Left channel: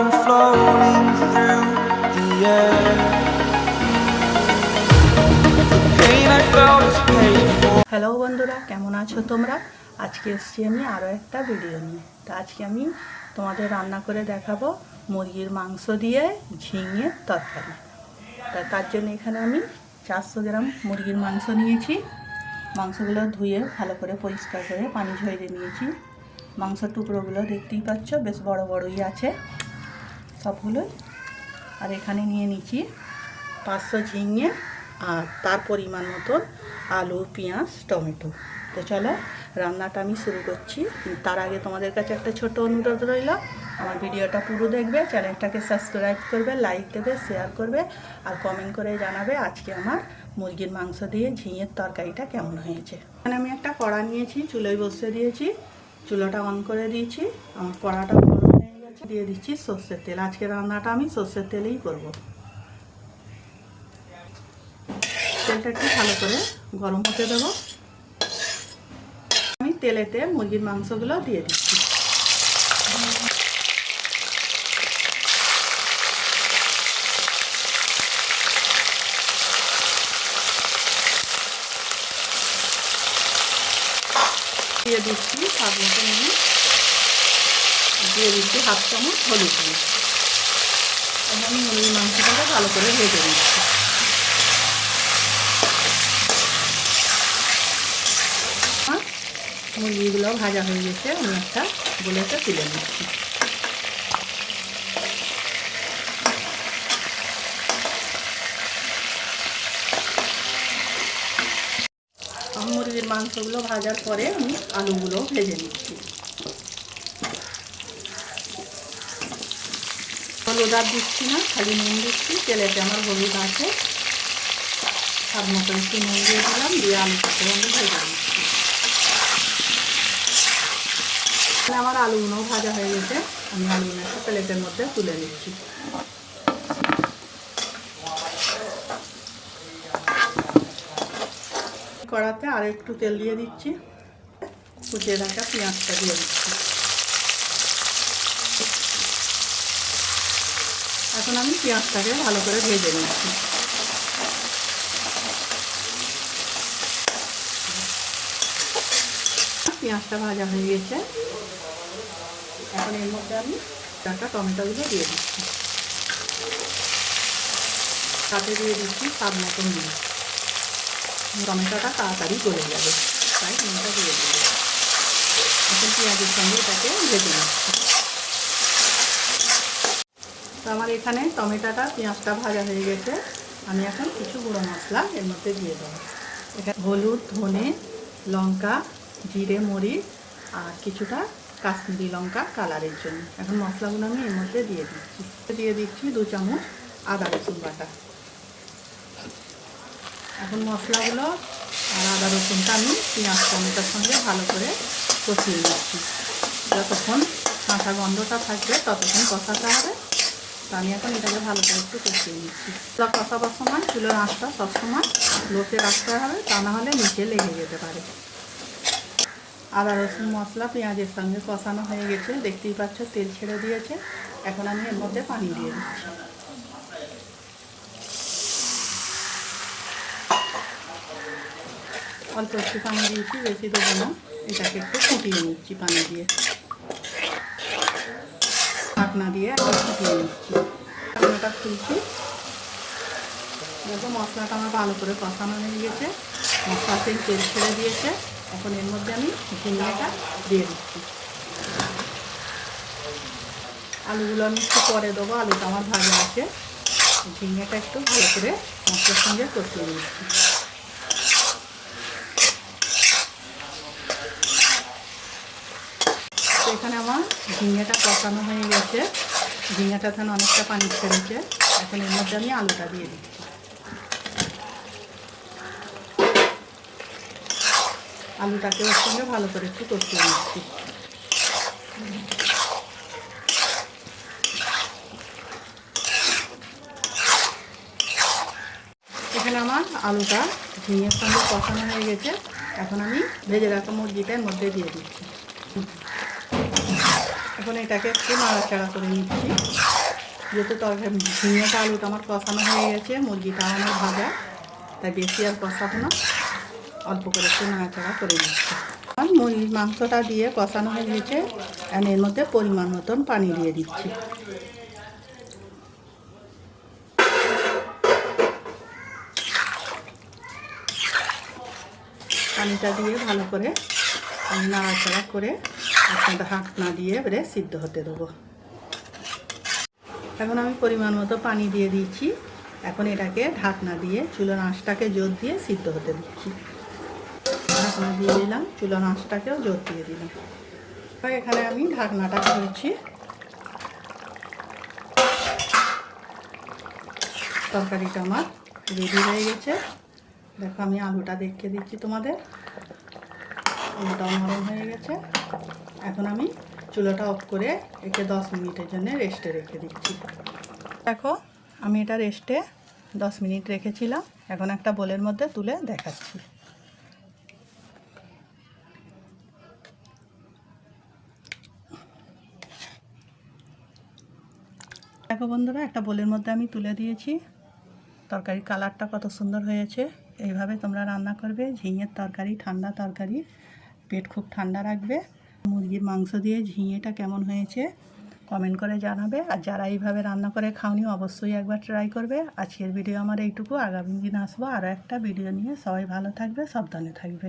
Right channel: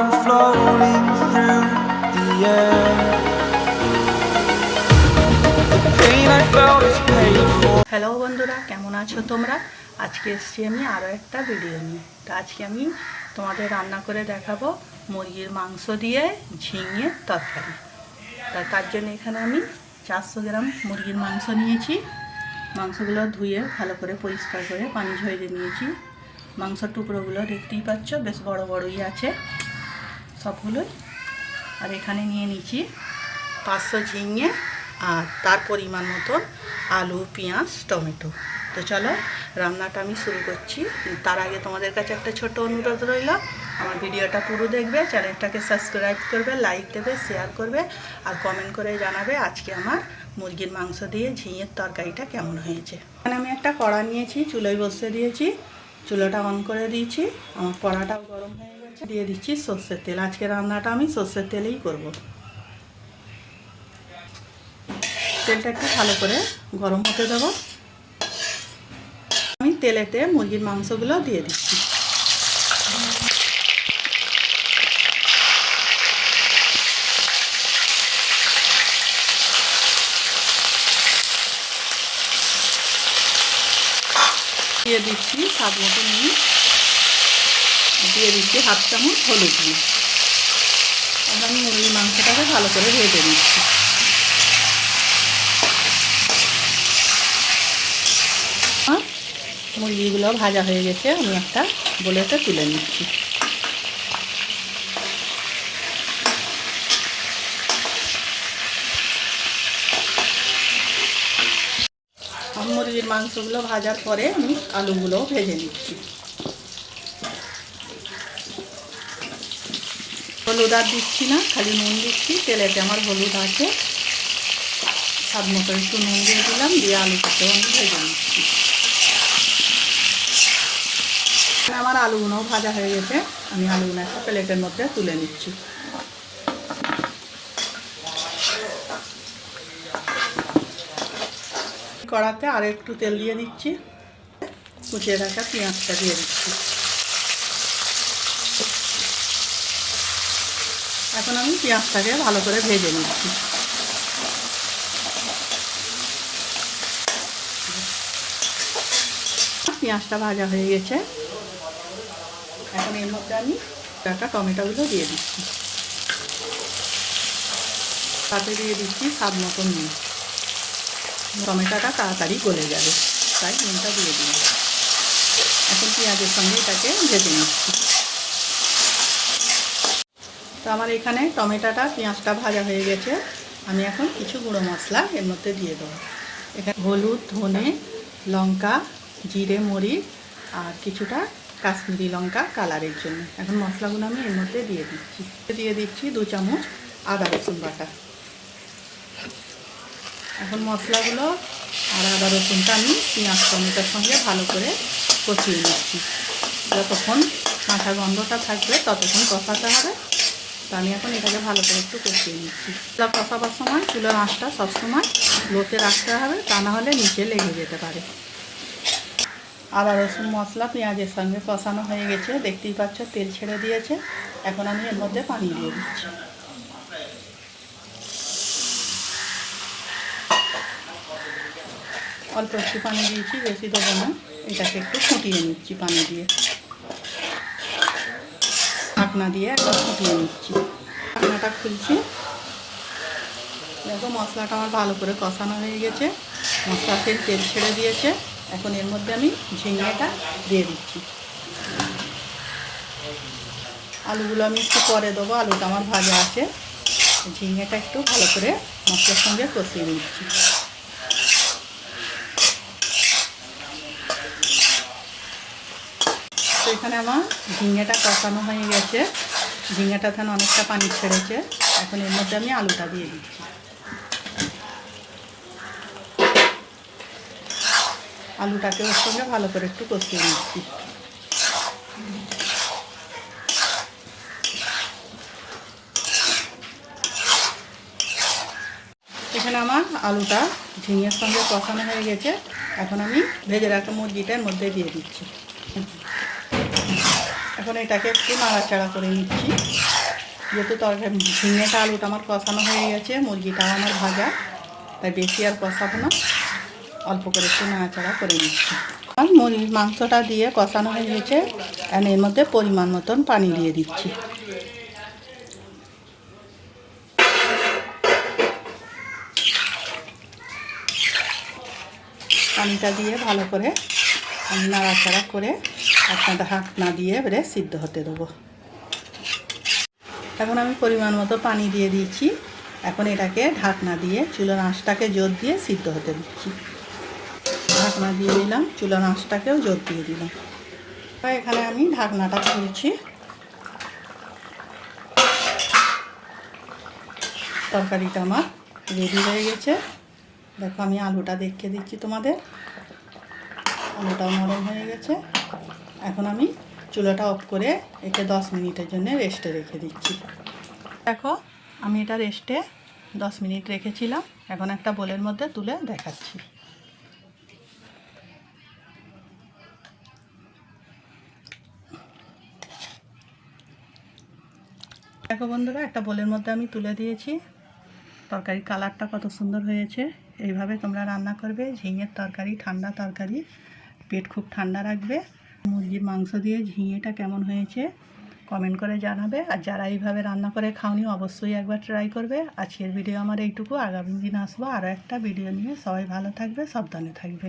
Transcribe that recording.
I'm floating through the air. The pain I felt is paid for. Hello বন্ধুরা, কেমন আছো তোমরা? আজকে এসেছি আমি আরও একটা ভিডিও নিয়ে। তো আজকে আমি তোমাদের রান্না করে দেখাবো মুরগির মাংস দিয়ে ঝিঙে তরকারি। তার জন্য এখানে আমি 400 গ্রাম মুরগির মাংস নিয়েছি। মাংসগুলো ধুয়ে ভালো করে পরিষ্কার করে পানি ঝরিয়ে নিয়েছি। মাংসের টুকরোগুলো দেখতেই পাচ্ছ, বেশ বড় বড়ই আছে সবগুলোই। আর এখানে নিয়ে নিচ্ছি 500 ঝিঙে আর তার পরিমাণ মতন আলু, পেঁয়াজ, টমেটো। তো চলো রান্নাটা আমি শুরু করছি। তার আগে তোমাদের কাছে একটা ছোট অনুরোধ রইল, আমার ভিডিওটা পুরো দেখবে, চ্যানেলটাকে সাবস্ক্রাইব করবে, লাইক দেবে, শেয়ার করবে আর কমেন্ট করে জানাবে আজকে আমার মুরগির মাংস দিয়ে ঝিঙের তরকারিটা কেমন হয়েছে। এখানে আমি একটা কড়া নিয়েছি, চুলোয় বসিয়ে দিয়েছি, চুলোটা অন করে দিয়েছি। আমার কড়াটা গরম হয়ে গেছে, দিয়ে দিচ্ছি সর্ষের তেল। আজকে রান্নাটা আমি সর্ষের তেলেই করব। তেলটা একটু ভালো করে গরম হতে দেবো। আমি তেলেতে মুরগির মাংসগুলো দিয়ে দিচ্ছি। দিয়ে দিচ্ছি স্বাদ মতো নুন, দিয়ে দিচ্ছি হাফ চামচ হলুদ দিয়ে। আমি মুরগির মাংসটাকে ভালো করে ভেজে দিচ্ছি। মুরগিগুলো ভাজা হয়ে গেছে, আমি একটা বলেতে তুলে নিচ্ছি। মুরগির মাংসগুলো ভাজার পরে আমি আলুগুলো ভেজে নিচ্ছি। হলুদ আর দিচ্ছি না, খালি নুন দিচ্ছি। তেলেতে আমার হলুদ আছে, স্বাদ মতো একটু নুন দিয়ে দিলাম, দিয়ে আলুটাকে আমি ভেজে নিচ্ছি। আমার আলুগুলো ভাজা হয়ে গেছে, আমি আলুগুলো একটা প্লেটের মধ্যে তুলে নিচ্ছি। কড়াতে আর একটু তেল দিয়ে দিচ্ছি, কুচিয়ে রাখা পেঁয়াজটা দিয়ে দিচ্ছি। এখন আমি পেঁয়াজটাকে ভালো করে ভেজে নিচ্ছি। পেঁয়াজটা ভাজা হয়ে গেছে, এখন এর মধ্যে আমি একটা টমেটোগুলো দিয়ে দিচ্ছি। তাতে দিয়ে দিচ্ছি স্বাদ মতো নুন। টমেটোটা তাড়াতাড়ি গলে যাবে, তাই নুনটা দিয়ে দিই। এখন পেঁয়াজের সঙ্গে এটাকে ভেজে নিচ্ছি। তো আমার এখানে টমেটোটা পেঁয়াজটা ভাজা হয়ে গেছে, আমি এখন কিছু গুঁড়ো মশলা এর মধ্যে দিয়ে দেবো। এখানে হলুদ, ধনে, লঙ্কা, জিরে, মরিচ আর কিছুটা কাশ্মীরি লঙ্কা কালারের জন্য। এখন মশলাগুলো আমি এর মধ্যে দিয়ে দিচ্ছি 2 চামচ আদা রসুন বাটা। এখন মশলাগুলো আর আদা রসুনটা আমি পেঁয়াজ টমেটোর সঙ্গে ভালো করে কষিয়ে নিচ্ছি। যতক্ষণ কাঁচা গন্ধটা থাকবে ততক্ষণ কষাতে হবে। তো আমি এখন এটাকে ভালো করে একটু কষিয়ে নিচ্ছি। এটা কষাবার সময় চুলোর আঁচটা সবসময় লোতে রাখতে হবে, তা না হলে নিচে লেগে যেতে পারে। আদা রসুন মশলা পেঁয়াজের সঙ্গে কষানো হয়ে গেছে, দেখতেই পাচ্ছ তেল ছেড়ে দিয়েছে। এখন আমি এর মধ্যে পানি দিয়ে দিচ্ছি। অল্প একটু পানি দিয়েছি, বেশি দেবো না। এটাকে একটু ফুটিয়ে নিচ্ছি পানি দিয়ে, ঢাকনা দিয়ে একটু ফুটিয়ে নিচ্ছি। ঢাকনাটা খুলছি, দেখো মশলাটা আমার ভালো করে কষানো হয়ে গেছে, মশলা তেল ছেড়ে দিয়েছে। এখন এর মধ্যে আমি ঝিঙেটা দিয়ে দিচ্ছি। আলুগুলো আমি একটু পরে দেবো, আলুটা আমার ভাজা আছে। ঝিঙেটা একটু ভালো করে মশলার সঙ্গে কষিয়ে দিচ্ছি। এখানে আমার ঝিঙেটা কষানো হয়ে গেছে, ঝিঙেটা এখানে অনেকটা পানি ছেড়েছে। এখন এর মধ্যে আমি আলুটা দিয়ে দিচ্ছি। আলুটাকে ওর সঙ্গে ভালো করে একটু কষিয়ে নিচ্ছি। এখানে আমার আলুটা ঝিঙের সঙ্গে কষানো হয়ে গেছে। এখন আমি ভেজে রাখা মুরগিটার মধ্যে দিয়ে দিচ্ছি। এখন এটাকে একটু নাড়াচাড়া করে নিচ্ছি। যেহেতু তরকারি ঝিঙেটা আলুটা আমার কষানো হয়ে গেছে, মুরগিটা আমার ভাজা, তাই বেশি আর কষাবো না, অল্প করে একটু নাড়াচাড়া করে নিচ্ছি। মুরগির মাংসটা দিয়ে কষানো হয়ে গেছে, আমি এর মধ্যে পরিমাণ মতন পানি দিয়ে দিচ্ছি। পানিটা দিয়ে ভালো করে আমি নাড়াচাড়া করে একটা ঢাকনা দিয়ে এবারে সিদ্ধ হতে দেবো। এখন আমি পরিমাণ মতো পানি দিয়ে দিয়েছি। এখন এটাকে ঢাকনা দিয়ে চুলার আঁচটাকে জোর দিয়ে সিদ্ধ হতে দিচ্ছি। ঢাকনা দিয়ে দিলাম, চুলার আঁচটাকেও জোর দিয়ে দিলাম। এখানে আমি ঢাকনাটা খুলছি। তরকারিটা আমার রেডি হয়ে গেছে। দেখো আমি আলুটা দেখে দিচ্ছি তোমাদের, আলুটাও নরম হয়ে গেছে। এখন আমি চুলাটা অফ করে একে 10 মিনিটের জন্য রেস্টে রেখে দিচ্ছি। দেখো আমি এটা রেস্টে 10 মিনিট রেখেছিলাম। এখন একটা বোলের মধ্যে তুলে দেখাচ্ছি। দেখো বন্ধুরা, একটা বোলের মধ্যে আমি তুলে দিয়েছি। তরকারির কালারটা কত সুন্দর হয়েছে। এইভাবে তোমরা রান্না করবে ঝিঙের তরকারি, ঠান্ডা তরকারি, পেট খুব ঠান্ডা রাখবে। মুরগির মাংস দিয়ে ঝিঙেটা কেমন হয়েছে কমেন্ট করে জানাবে। আর যারা এইভাবে রান্না করে খাওনি অবশ্যই একবার ট্রাই করবে। আজকের ভিডিও আমার এইটুকু, আগামী দিন আসবো আরও একটা ভিডিও নিয়ে। সবাই ভালো থাকবে, সাবধানে থাকবে।